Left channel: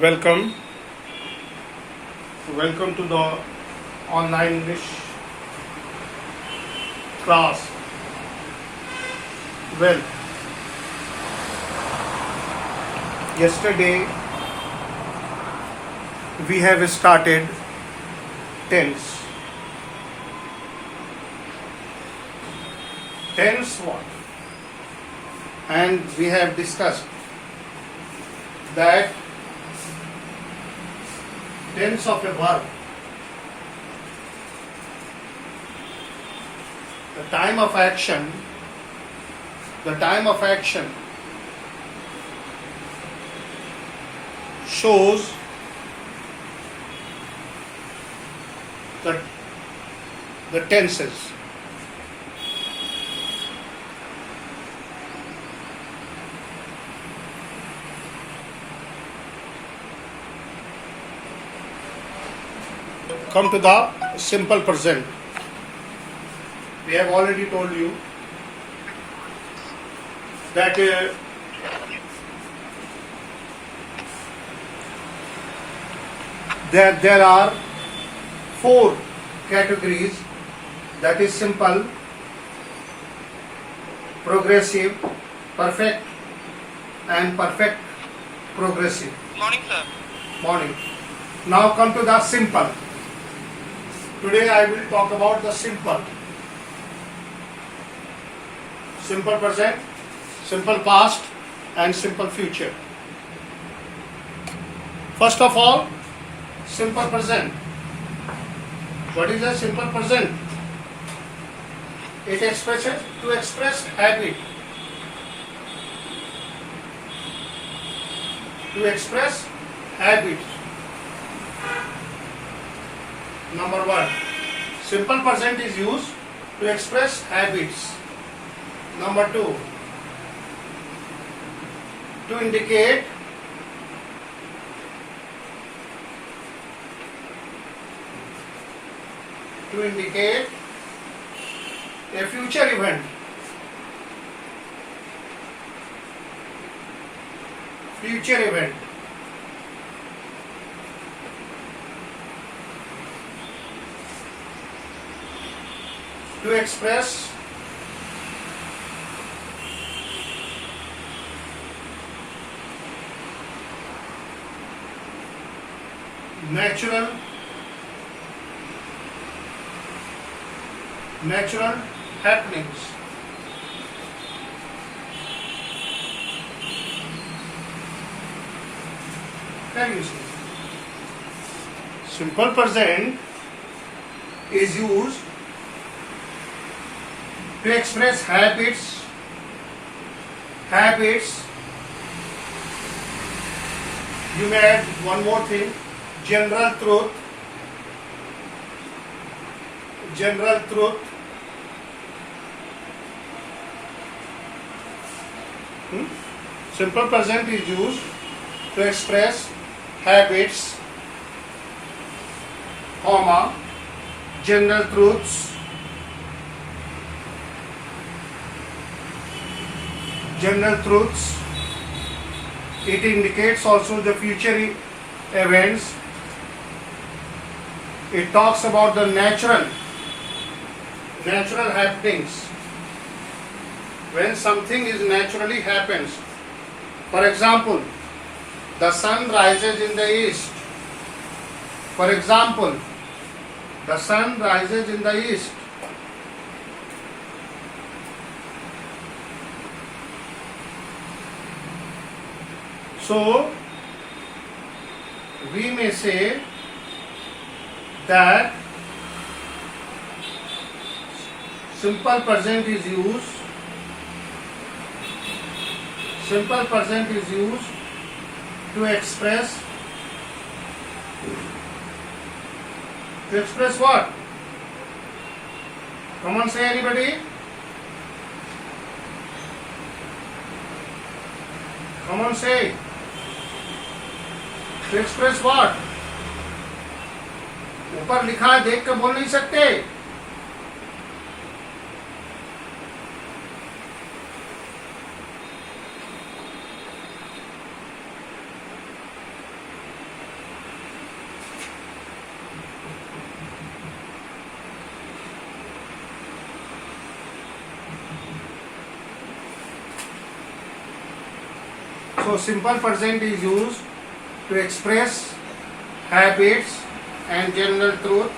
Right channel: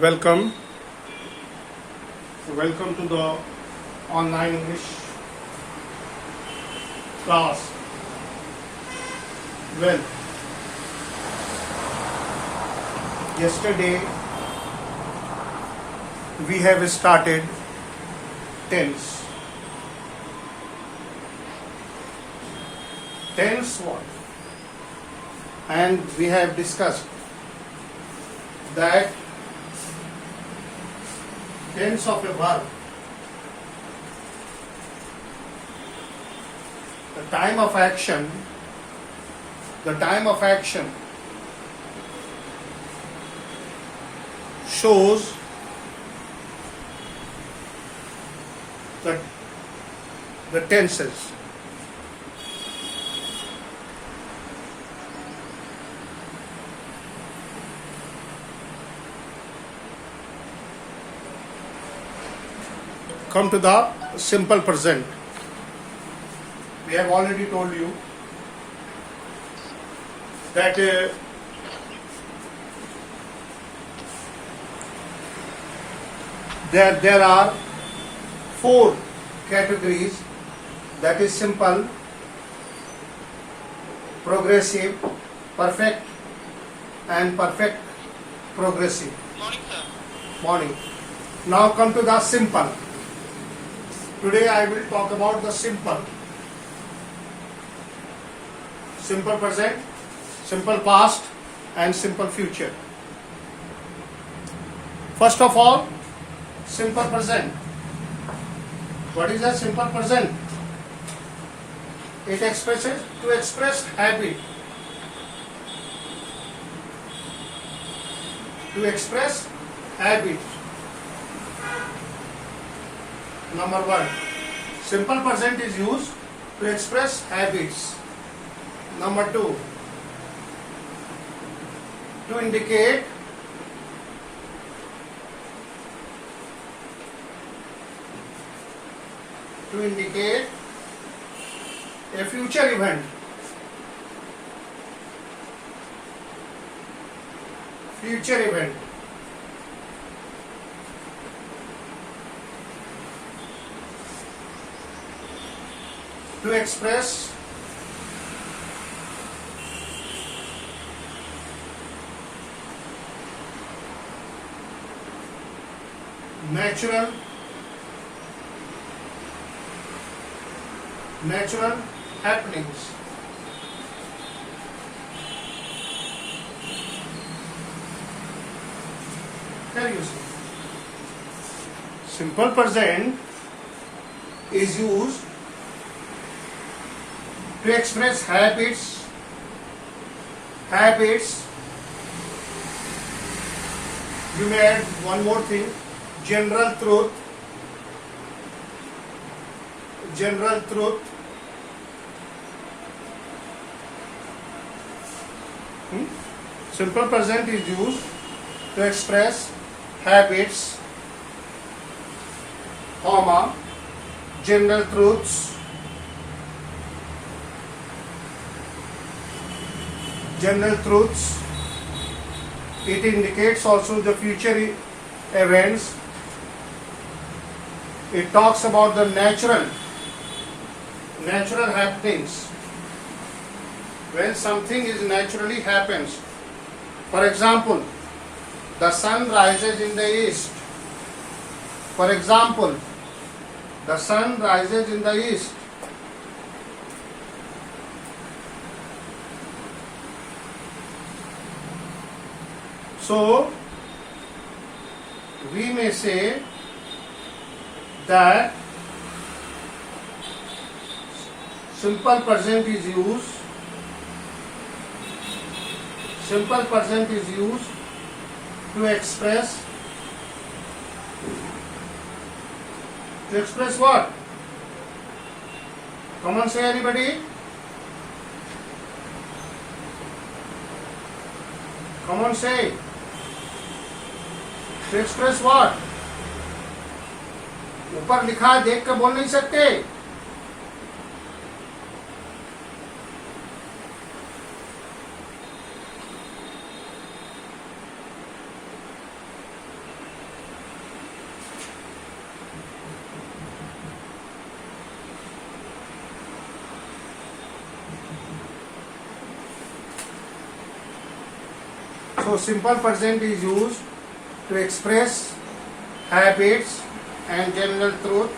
Welcome. Welcome to the online English class. Well, yesterday we have started tense. Tense one. And we have discussed that tense of a verb, the time of action shows the tenses. Come to the simple present. We have already told you that there are four categories, that is simple, progressive, perfect and perfect progressive. Morning, sir. Morning. Now come to the simple. Today I will talk about the simple. Simple present, simple past and simple future. First of all, simple present. What is a simple present? It expresses to express habit. To express habit. Number one, simple present is used to express habits. Number two, to indicate a future event. To express natural happenings. Can you see? Simple present is used to express habits. You may add one more thing, general truth. Simple present is used to express habits, comma, general truths, It indicates also the future events. It talks about the natural happenings. When something is naturally happens. For example, the sun rises in the east. So, we may say that simple present is used to express what? Come on, say anybody. Come on, say. To express what? ऊपर लिखा है, देख कर बोल नहीं सकते. So simple present is used to express habits and general truth.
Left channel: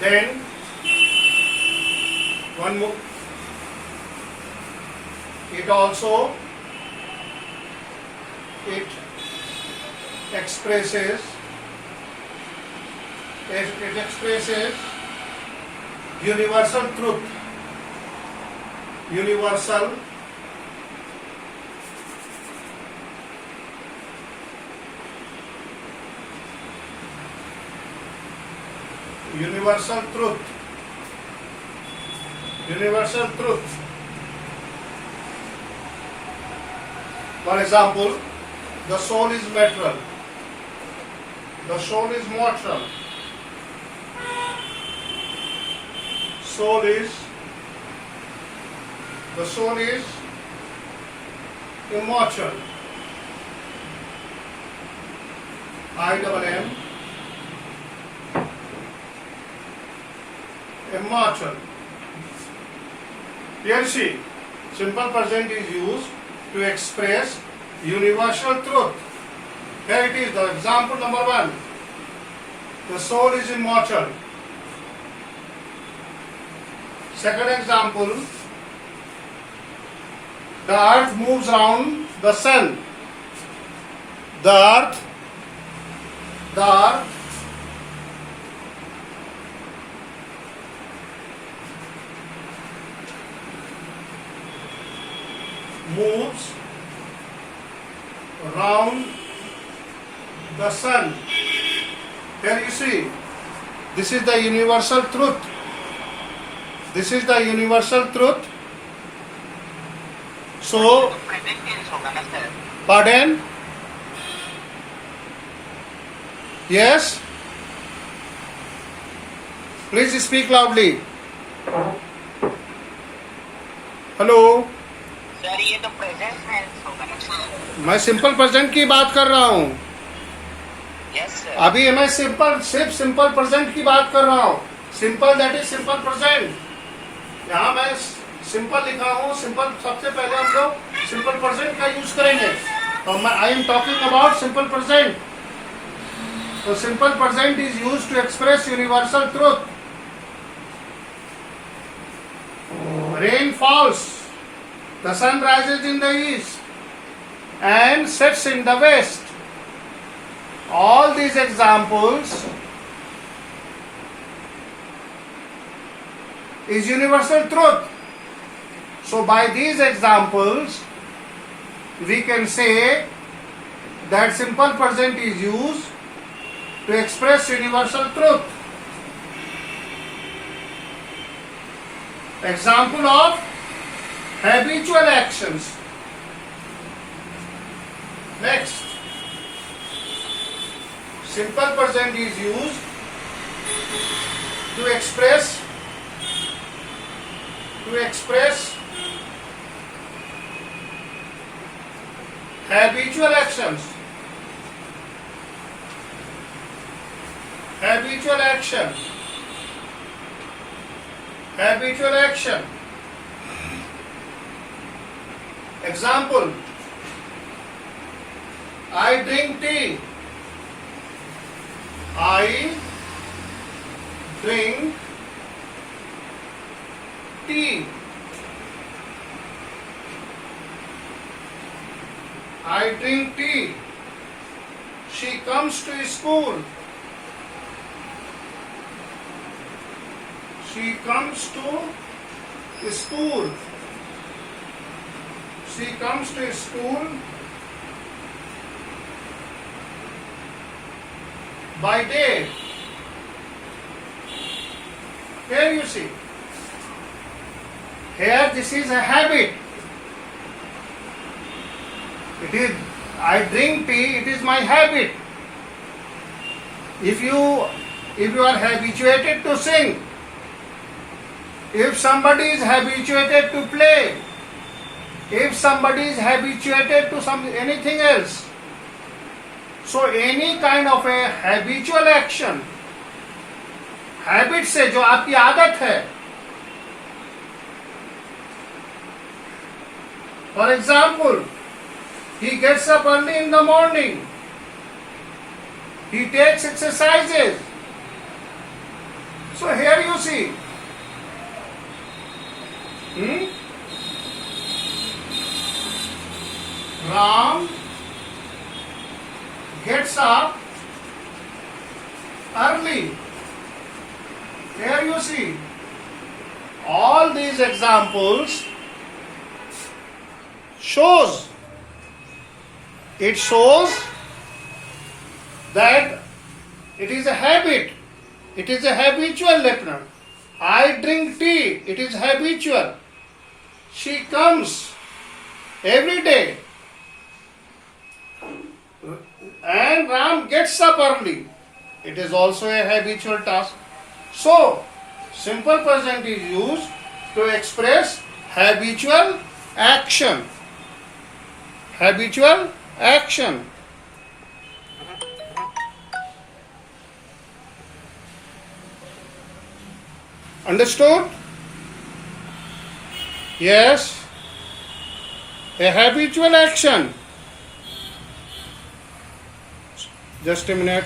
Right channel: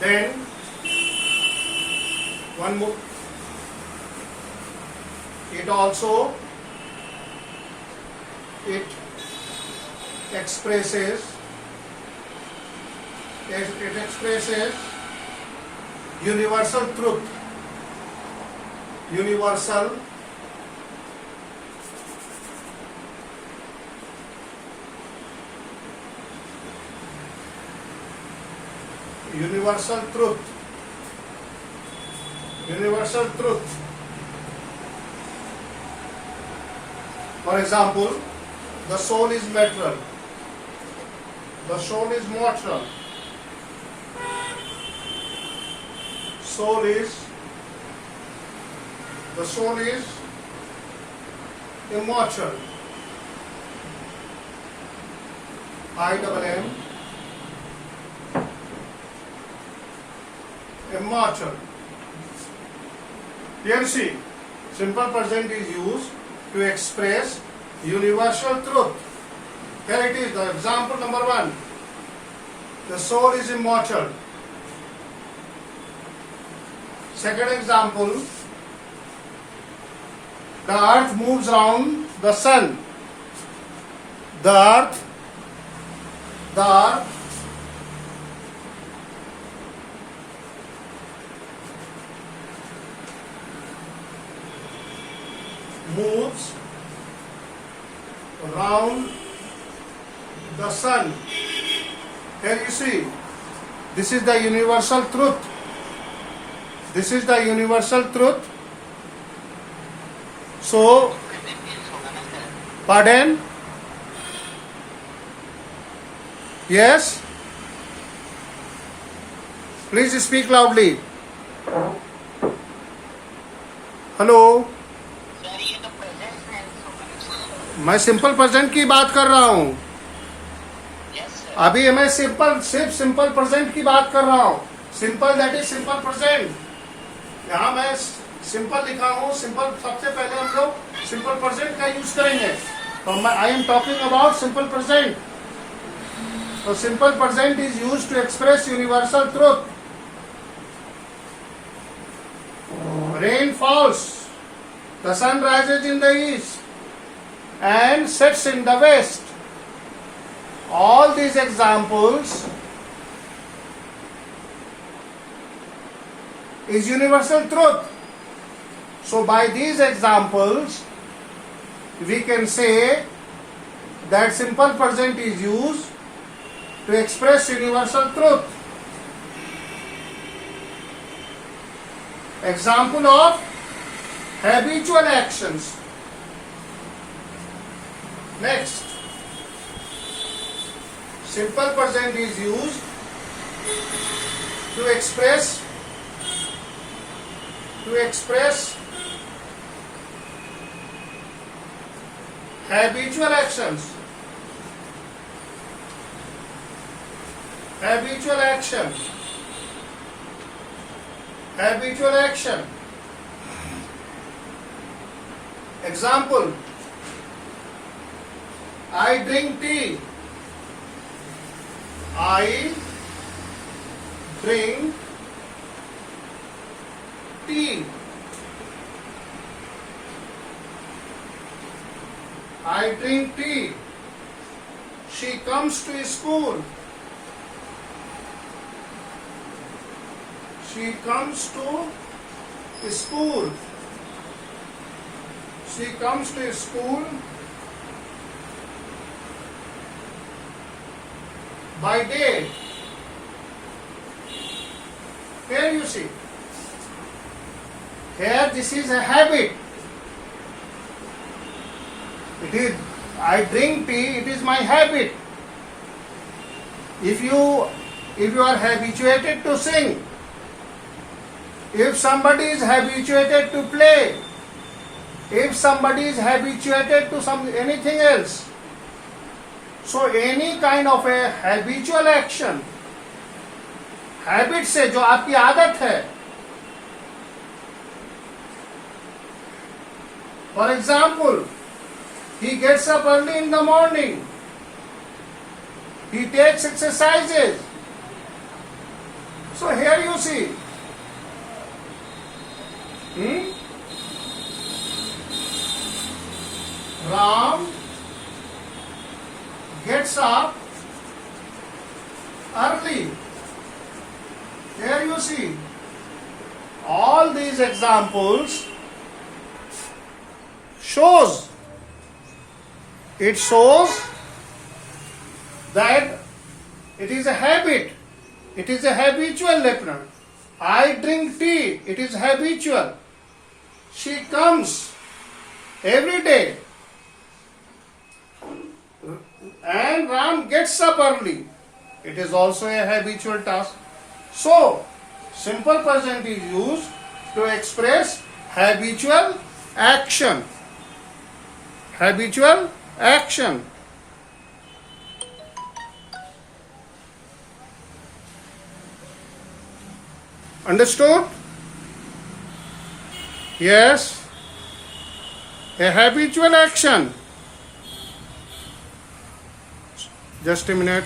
Then one more. It also expresses universal truth. Universal truth. Universal truth. For example, the soul is material. The soul is mortal. The soul is immortal. IMM. Immortal. Here see, simple present is used to express universal truth. Here it is, the example number 1. The soul is immortal. Second example, the earth moves around the sun. The earth moves around the sun. Here you see, this is the universal truth. This is the universal truth. So, pardon? Yes? Please speak loudly. Hello? Sir ये तो present है sir. मैं simple present की बात कर रहा हूँ। Yes sir. अभी मैं सिर्फ सिंपल प्रेजेंट की बात कर रहा हूँ। Simple that is simple present. यहाँ मैं सिंपल लिखा हूँ। सिंपल सबसे पहले हम लोग सिंपल प्रेजेंट का यूज करेंगे। तो I am talking about simple present. तो simple present is use to express universal truth. Rain falls, the sun rises in the east and sets in the west. All these examples is universal truth. So by these examples we can say that simple present is used to express universal truth. Example of habitual actions. Next, simple present is used to express habitual actions. Habitual action. Habitual action. Example, I drink tea. I drink tea. I drink tea. She comes to school. She comes to school. She comes to school by day. Here you see. Here this is a habit. It is, I drink tea, it is my habit. If you are habituated to sing, if somebody is habituated to play, if somebody is habituated to anything else, so any kind of a habitual action, habit से जो आपकी आदत है, For example, he gets up early in the morning. He takes exercises. So here you see. Ram gets up early. Here you see. All these examples shows that it is a habit. It is a habitual listener. I drink tea. It is habitual. She comes every day. And Ram gets up early. It is also a habitual task. So, simple present is used to express habitual action. Habitual action. Understood? Yes. A habitual action. Just a minute.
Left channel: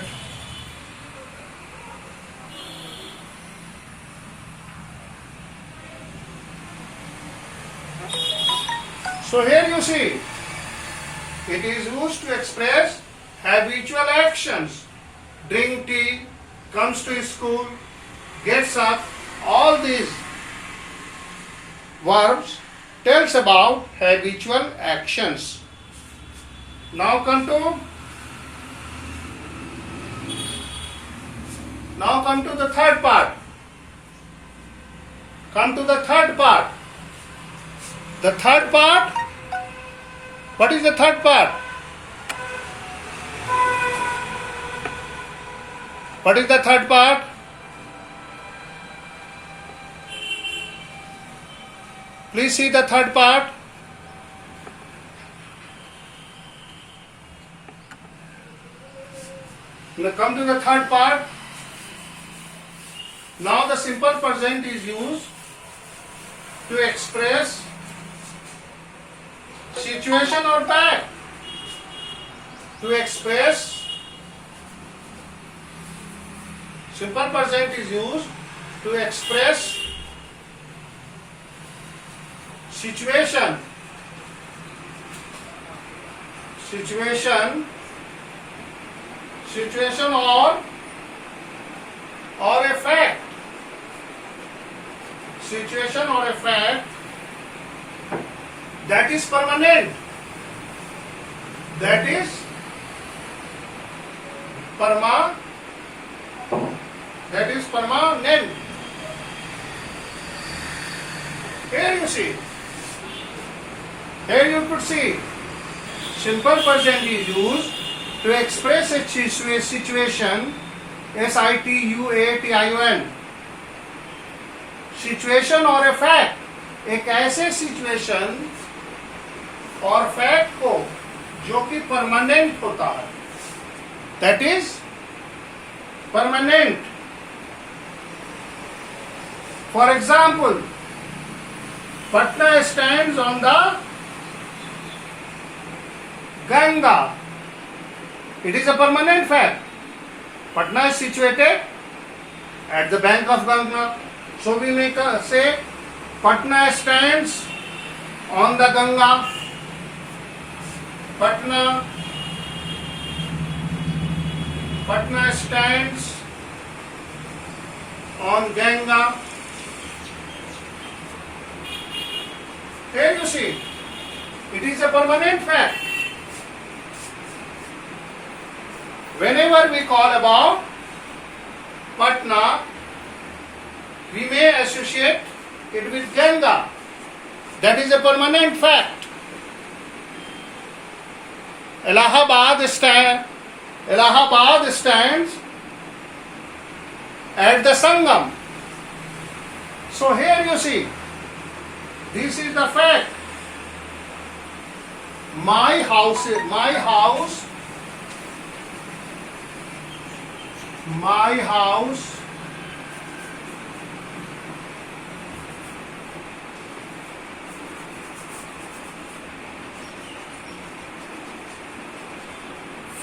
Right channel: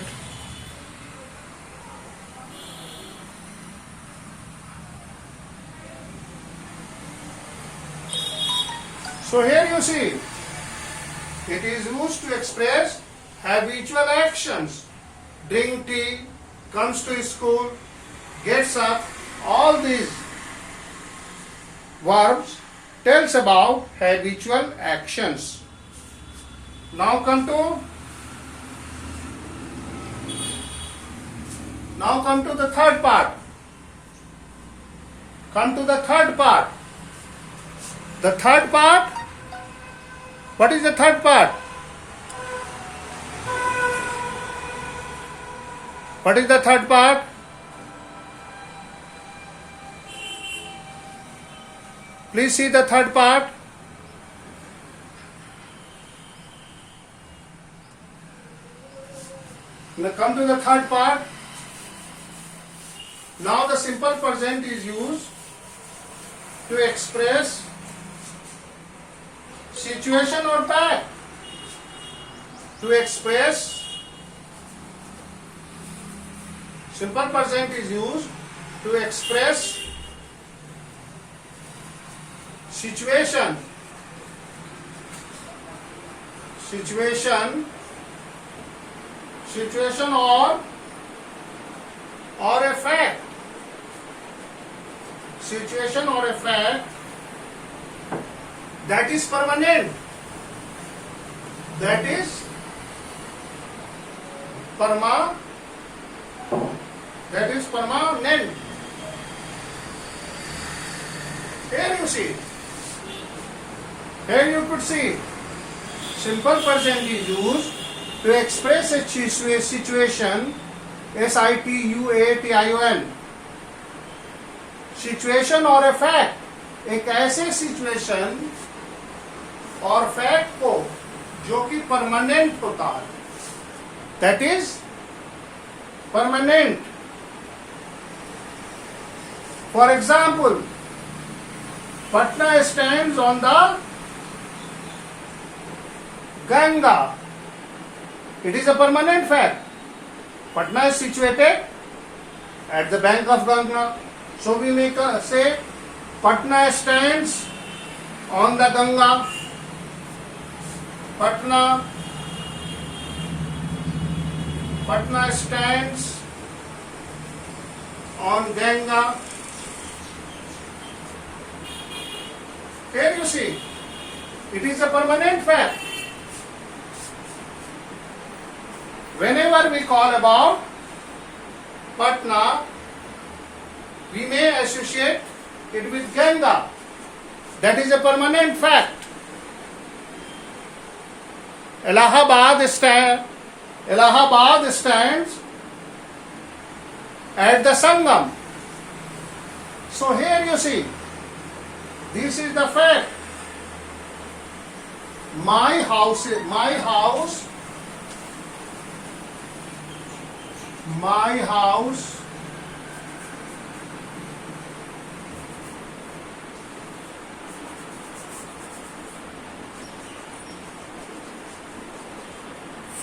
So here you see, it is used to express habitual actions. Drink tea, comes to school, gets up. All these verbs tells about habitual actions. Now come to the third part. Come to the third part. The third part. What is the third part? What is the third part? Please see the third part. Now come to the third part. Now the simple present is used to express situation or fact. To express simple present is used to express situation or a fact. Situation or a fact that is permanent. That is permanent. Here you see. Here you could see. Simple present is used to express a situation. situation. Situation or a fact. एक ऐसे situation और fact को जो कि permanent होता है, that is permanent. For example, Patna stands on the Ganga. It is a permanent fact. Patna is situated at the bank of Ganga. So we may say Patna stands on the Ganga. Patna stands on Ganga. Here you see, it is a permanent fact. Whenever we call about Patna, we may associate it with Ganga. That is a permanent fact. Allahabad stands at the Sangam. So here you see, this is the fact. My house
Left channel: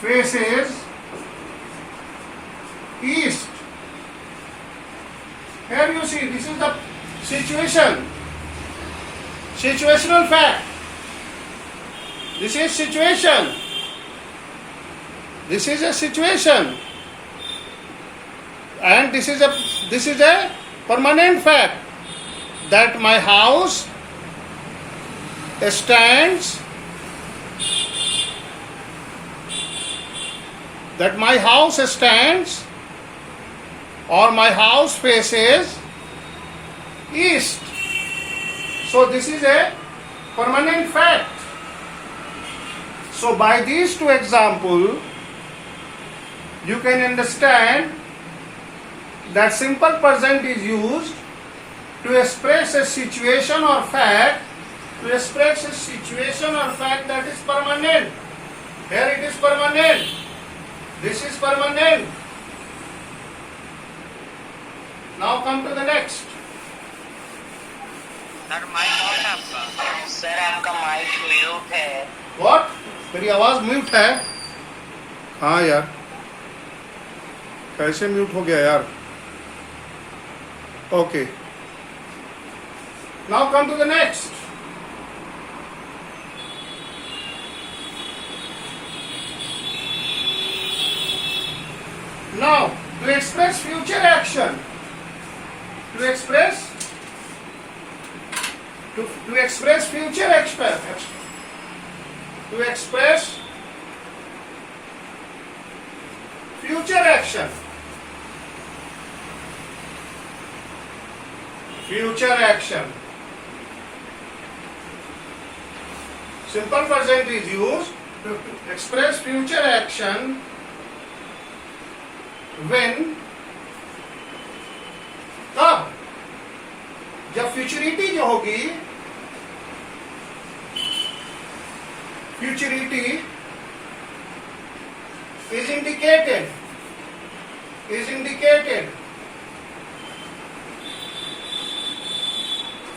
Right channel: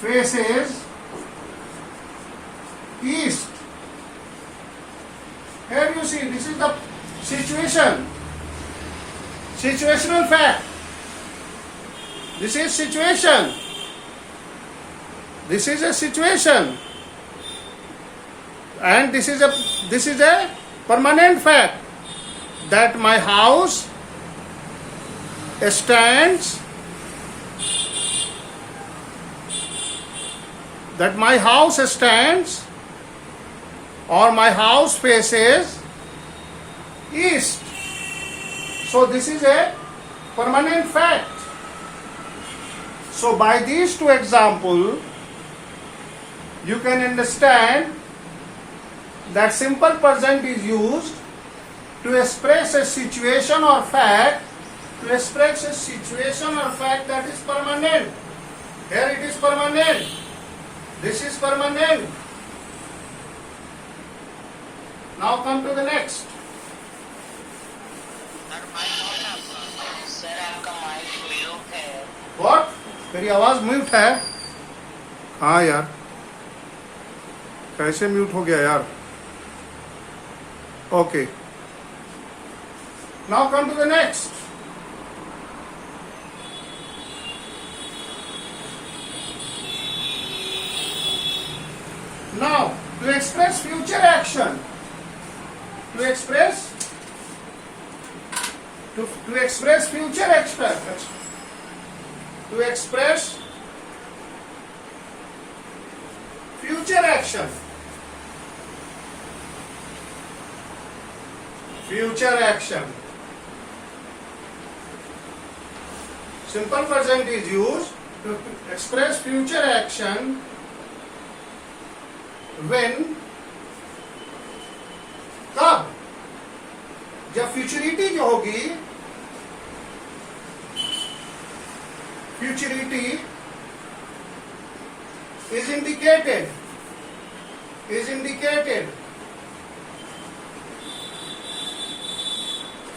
faces east. Here you see, this is the situation. Situational fact. This is situation. This is a situation. And this is a permanent fact that my house stands, or my house faces east. So this is a permanent fact. So by these two examples, you can understand that simple present is used to express a situation or fact, that is permanent. Here it is permanent. This is permanent. Now come to the next. Sir mic on है आपका? Sir आपका mic mute है। What? मेरी आवाज mute है? हाँ यार, कैसे म्यूट हो गया यार? Okay. Now come to the next. Now, to express future action, to express future action. Simple present is used to express future action when, कब, जब फ्यूचरिटी जो होगी, futurity is indicated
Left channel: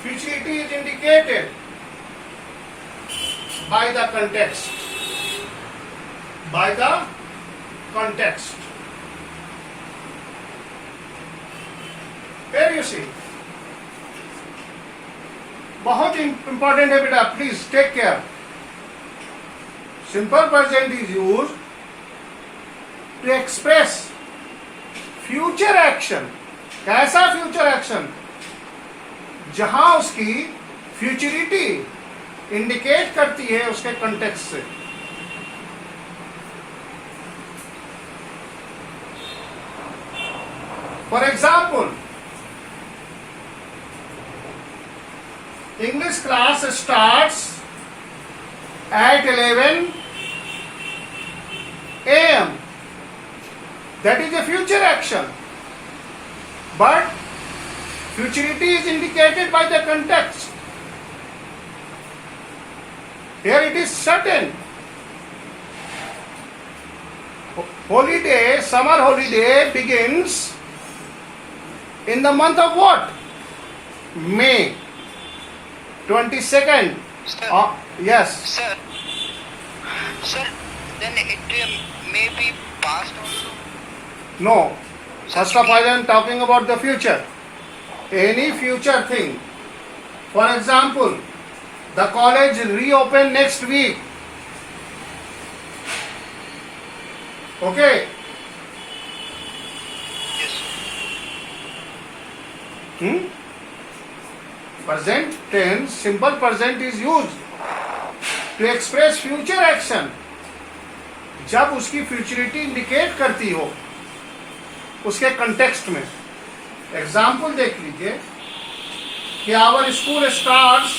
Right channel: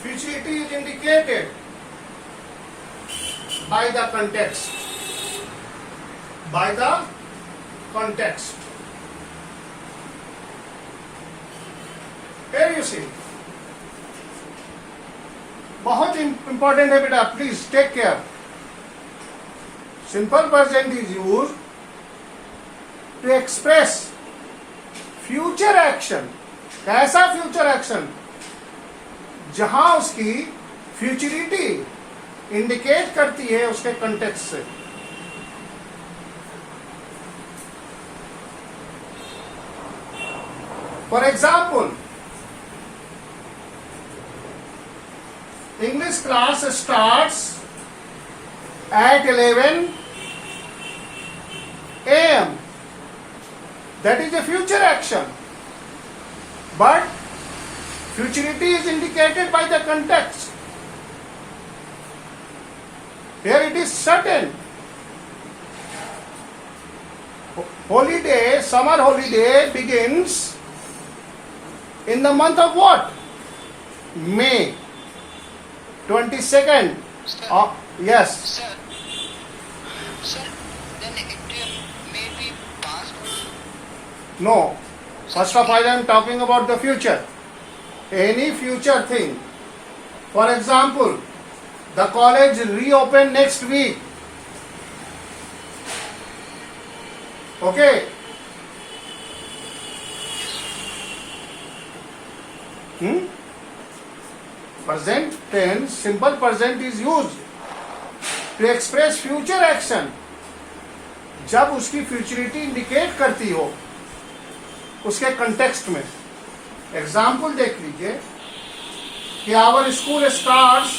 futurity is indicated by the context. Here you see, बहुत important है बेटा, please take care. Simple present is used to express future action. कैसा future action? जहां उसकी फ्यूचरिटी इंडिकेट करती है उसके कंटेक्स्ट से. For example, English class starts at 11 a.m. That is a future action. But futurity is indicated by the context. Here it is certain. Holiday, summer holiday begins in the month of what? May. 22nd. Yes. Sir, then it may be past also. No. First of all, I am talking about the future. Any future thing. For example, the college reopen next week. Okay. Present tense, simple present is used to express future action. जब उसकी futurity indicate करती हो उसके context में. Example देख लीजिए कि our school starts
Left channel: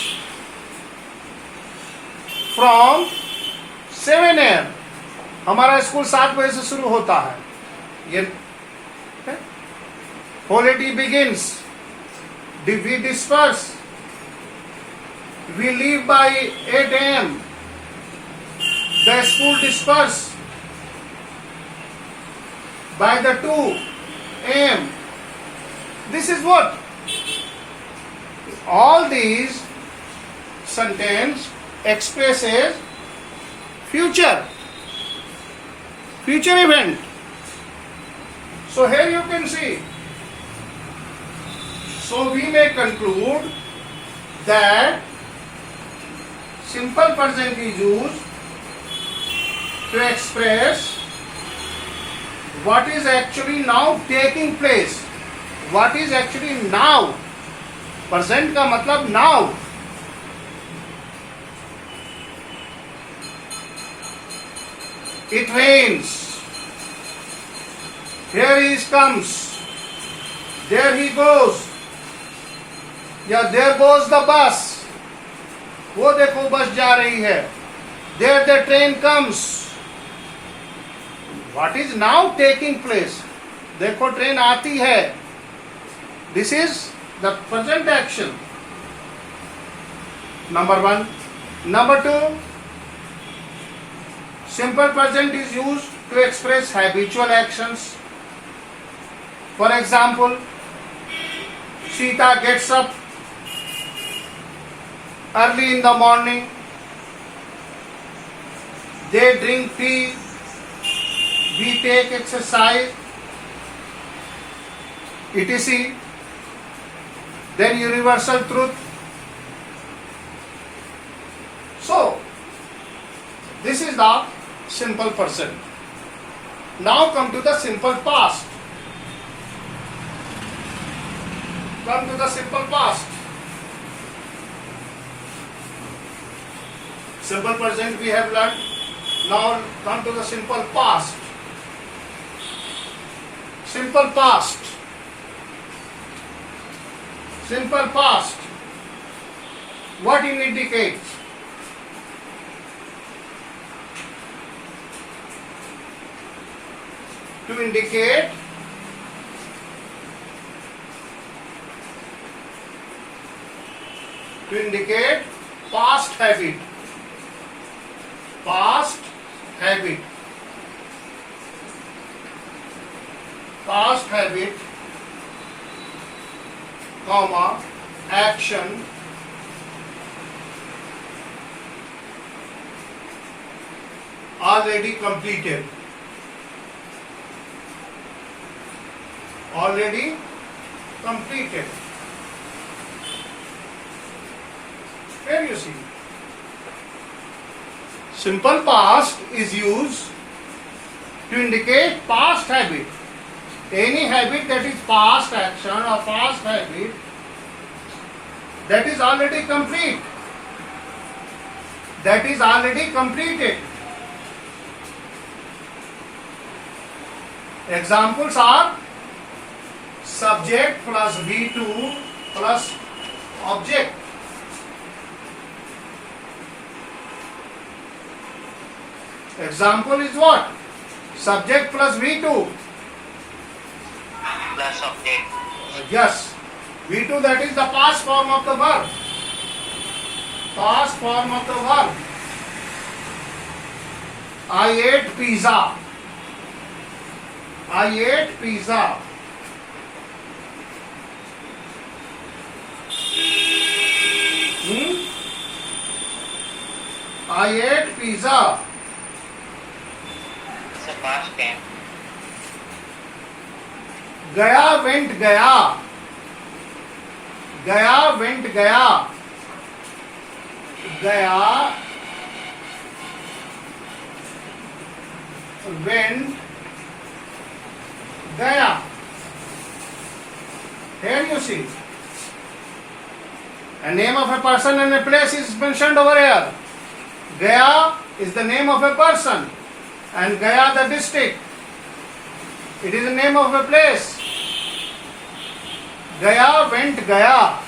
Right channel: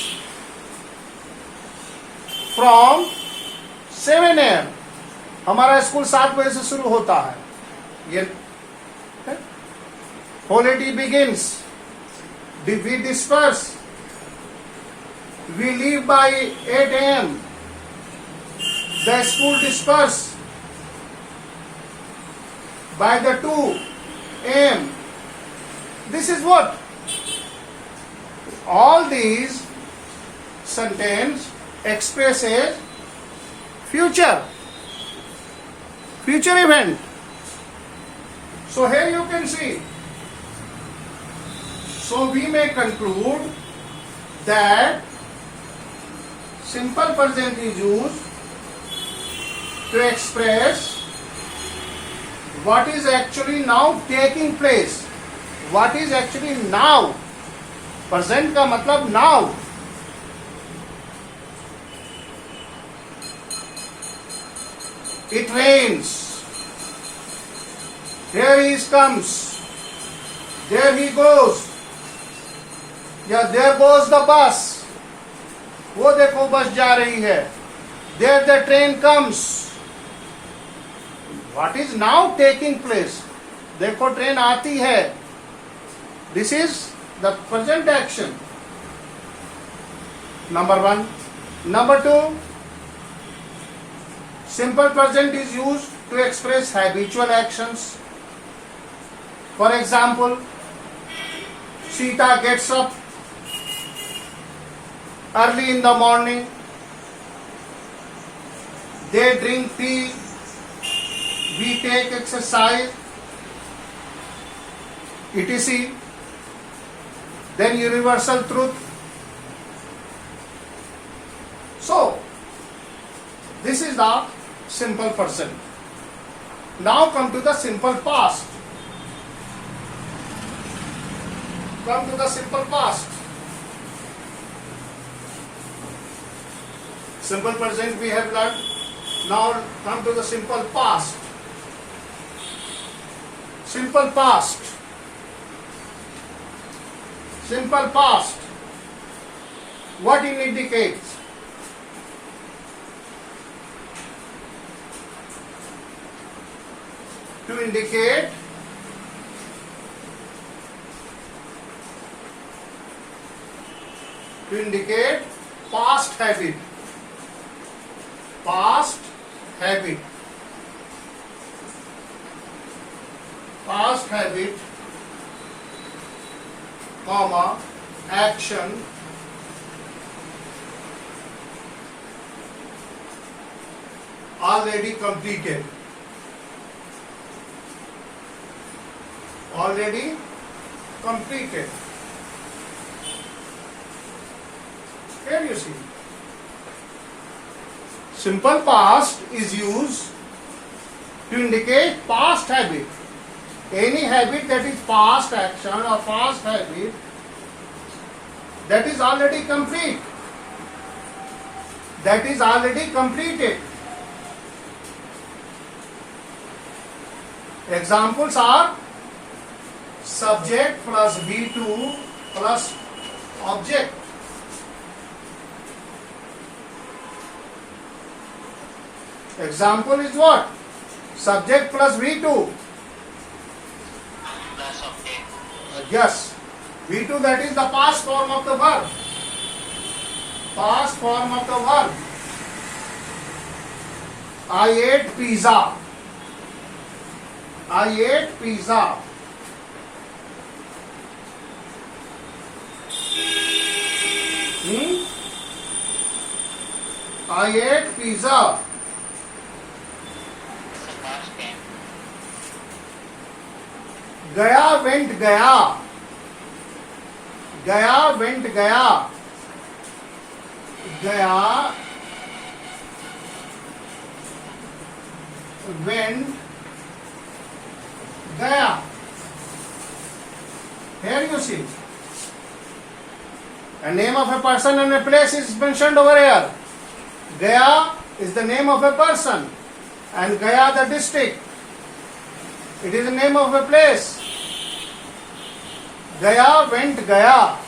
from 7 AM. हमारा स्कूल 7 बजे से शुरू होता है. ये holiday begins. We disperse. We leave by 8 AM. The school disperse by the 2 AM. This is what? All these sentence expresses future. future event. So here you can see. So we may conclude that simple present is used to express what is actually now taking place. What is actually now. Present का मतलब now. It rains. Here he comes. There he goes. या there goes the bus. वो देखो बस जा रही है. There the train comes. What is now taking place? देखो ट्रेन आती है. This is the present action. Number 1. Number 2. Simple present is used to express habitual actions. For example, Sita gets up early in the morning. They drink tea. We take exercise. etc. Then universal truth. So, this is the simple present. Now come to the simple past. Come to the simple past. Simple present we have learned. Now come to the simple past. Simple past. Simple past. What it indicates? To indicate past habit. Past habit. Past habit, comma, action, already completed. Already completed. Here you see. Simple past is used to indicate past habit. Any habit that is past action or past habit that is already complete. That is already completed. Examples are subject plus V2 plus object. Example is what? Subject plus V2. Plus object. Yes. V2 that is the past form of the verb. Past form of the verb. I ate pizza. I ate pizza. I ate pizza. It's a past tense. गया went गया. गया went गया. गया went गया. Here you see. A name of a person and a place is mentioned over here. Gaya is the name of a person and Gaya the district. It is the name of a place. Gaya went Gaya.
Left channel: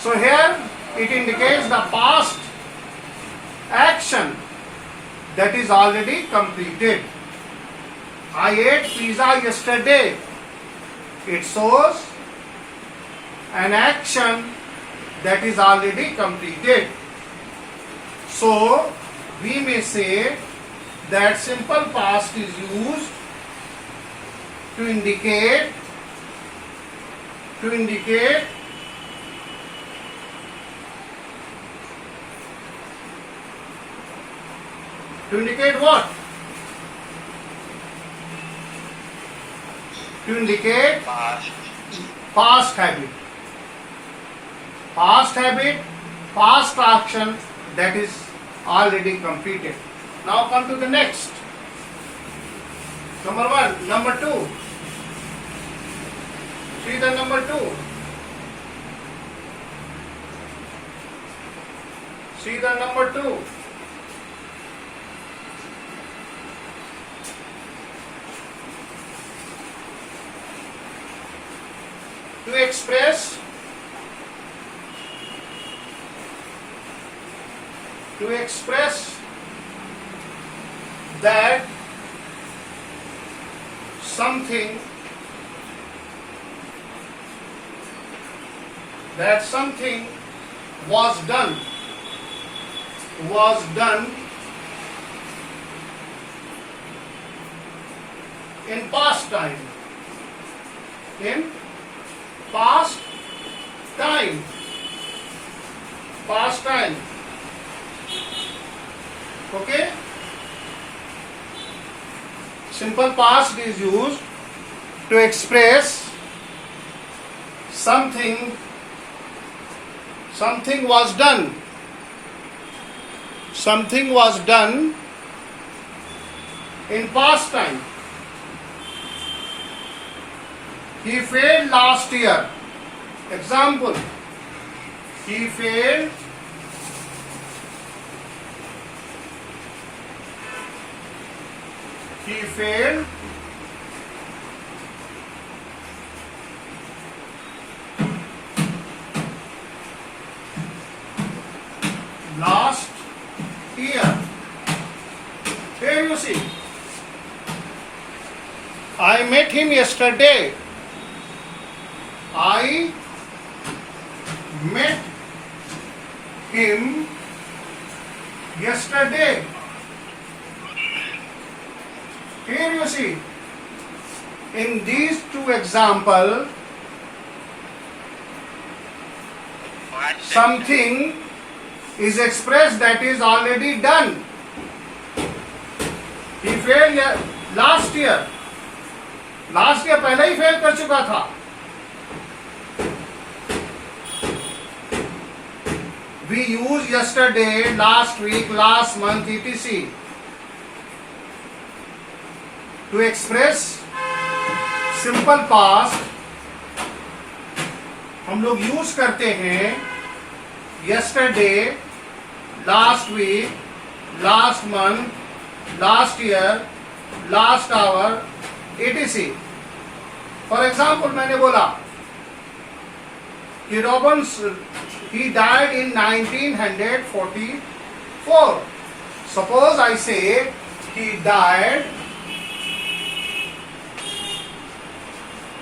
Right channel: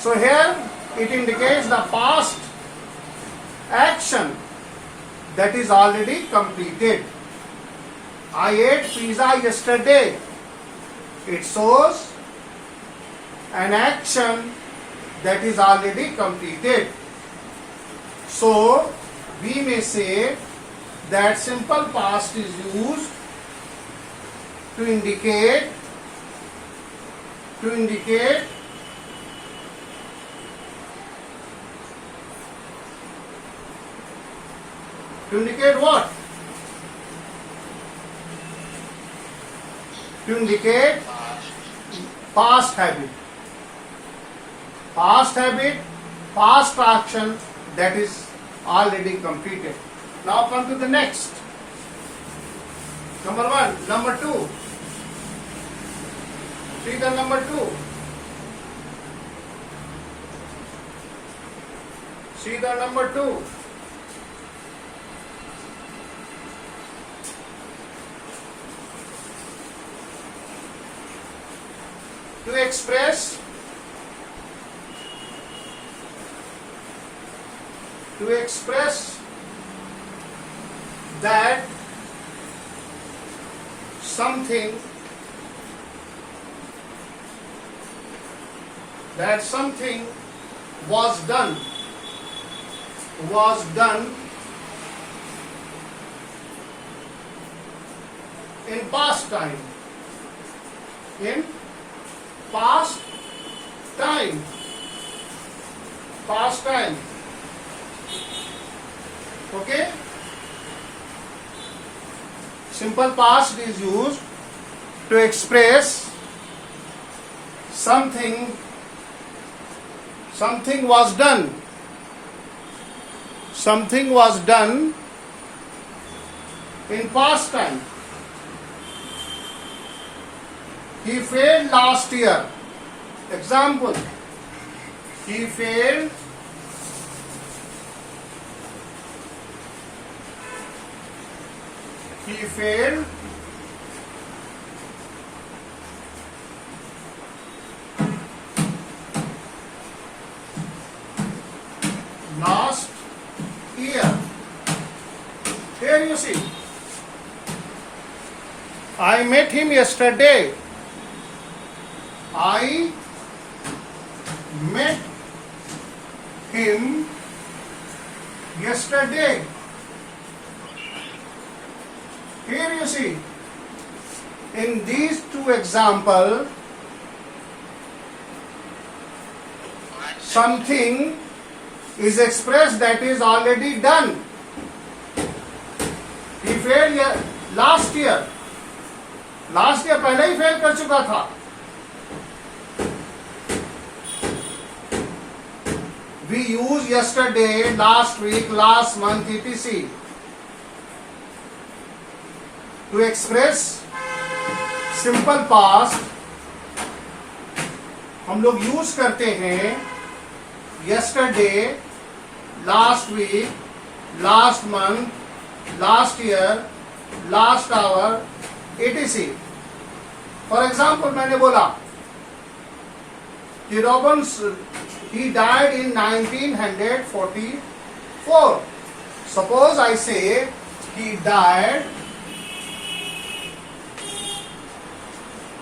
So here it indicates the past action that is already completed. I ate pizza yesterday. It shows an action that is already completed. So we may say that simple past is used to indicate what? to indicate past, past habit. Past habit, past action that is already completed. Now come to the next. Number 1. Number 2. See the number 2. See the number 2. To express that something was done in past time, okay. Simple past is used to express something was done in past time. He failed last year. Example, he failed last year. Here you see, I met him yesterday. I met him yesterday. Here you see, in these two examples, something is expressed that is already done. He failed last year. Last year पहले ही fail कर चुका था. We used yesterday, last week, last month, etc. to express simple past. हम लोग use करते हैं yesterday, last week, last month, last year, last hour, etc. For example, मैंने बोला कि Robins he died in 1944. Suppose I say he died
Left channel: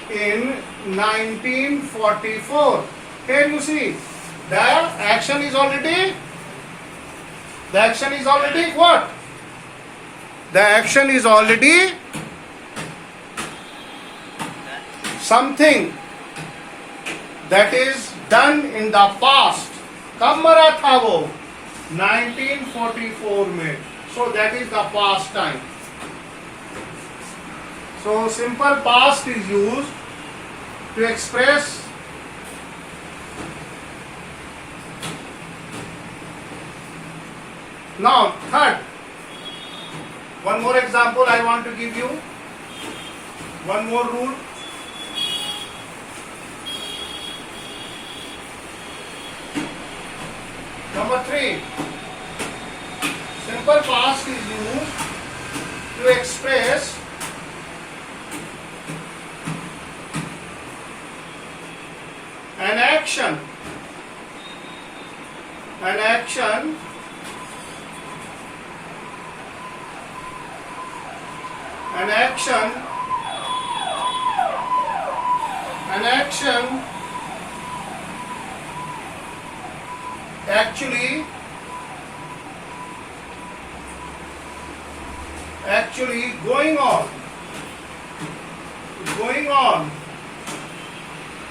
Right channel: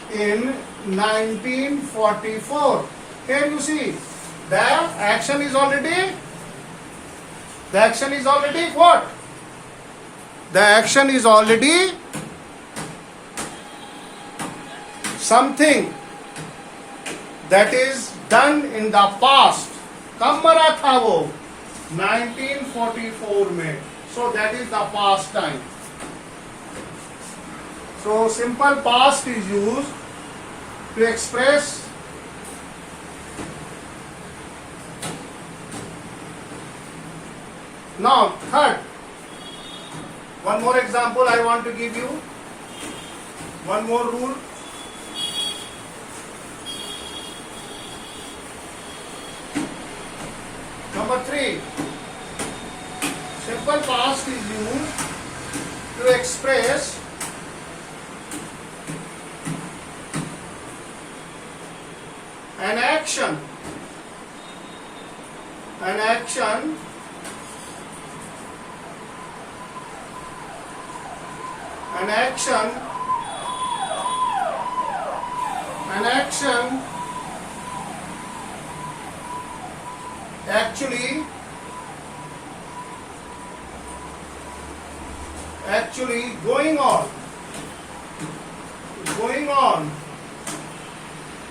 in 1944. Here you see, the action is already what? The action is already something that is done in the past. कब मरा था वो? 1944 में. So that is the past time. So simple past is used to express now third. One more example I want to give you. One more rule. Number 3. Simple past is used to express an action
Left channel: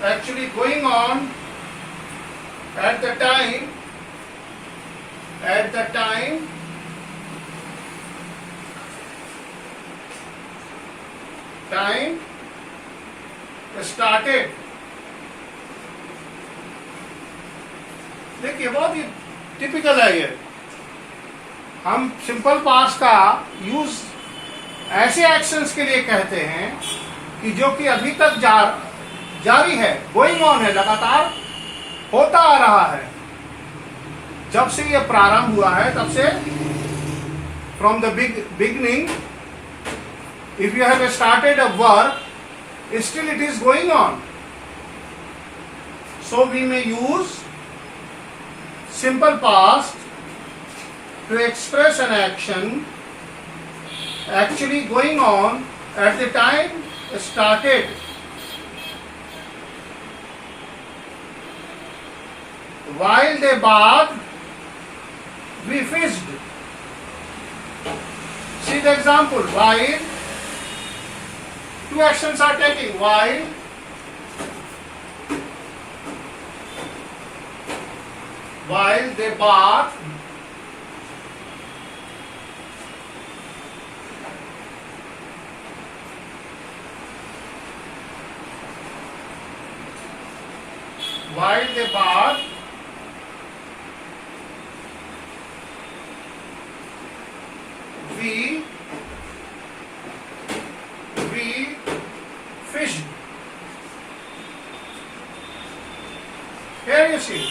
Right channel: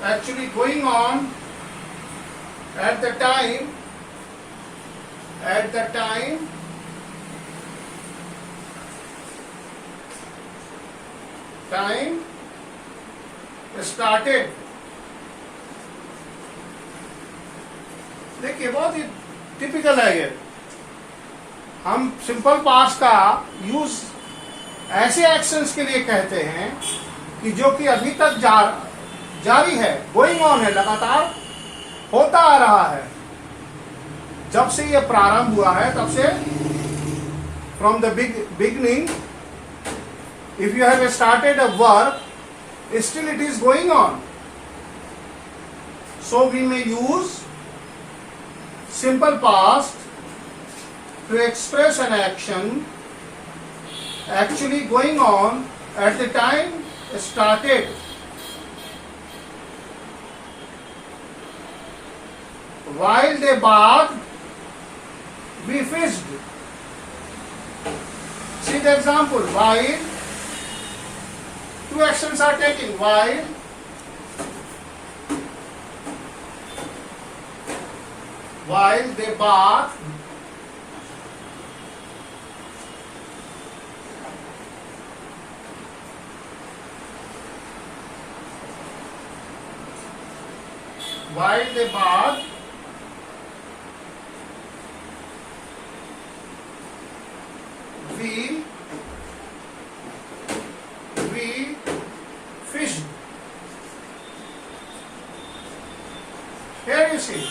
actually going on at the time started. देखिए बहुत ही typical है ये। हम simple past का use ऐसे actions के लिए कहते हैं कि जो कि अभी तक जारी है, गोइंग ऑन है, लगातार होता आ रहा है। जब से ये प्रारंभ हुआ है तब से, from the beginning, if you have started a work, still it is going on. So we may use simple past to express an action actually going on at the time started. While they bathed, we fished. See the example. While two actions are taking. While they bath, we fished. Here you see.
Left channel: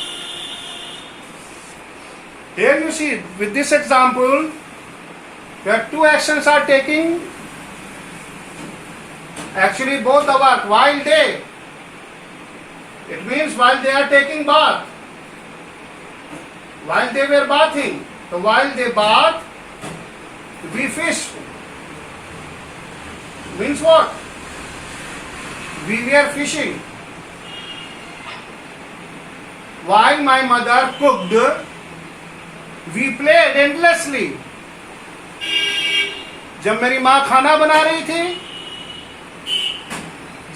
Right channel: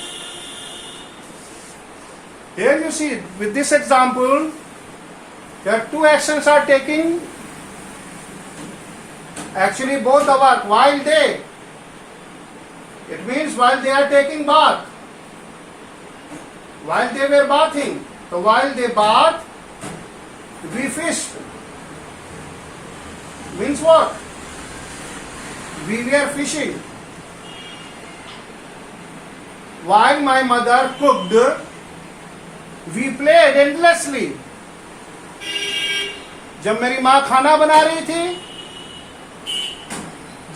Here you see, with this example, that two actions are taking, actually both the work, while they, it means while they are taking bath, while they were bathing. So while they bath, we fished. Means what? We were fishing. While my mother cooked, we played endlessly. जब मेरी माँ खाना बना रही थी,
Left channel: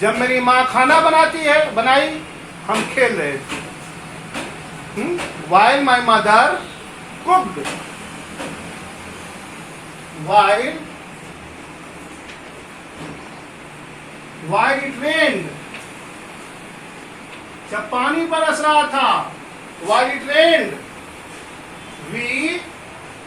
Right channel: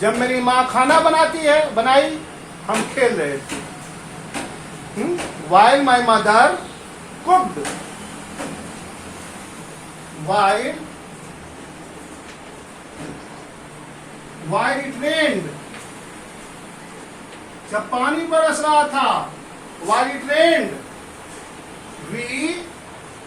जब मेरी माँ खाना बनाई, हम खेल रहे थे. While my mother cooked, while it rained, जब पानी बरस रहा था, while it rained, we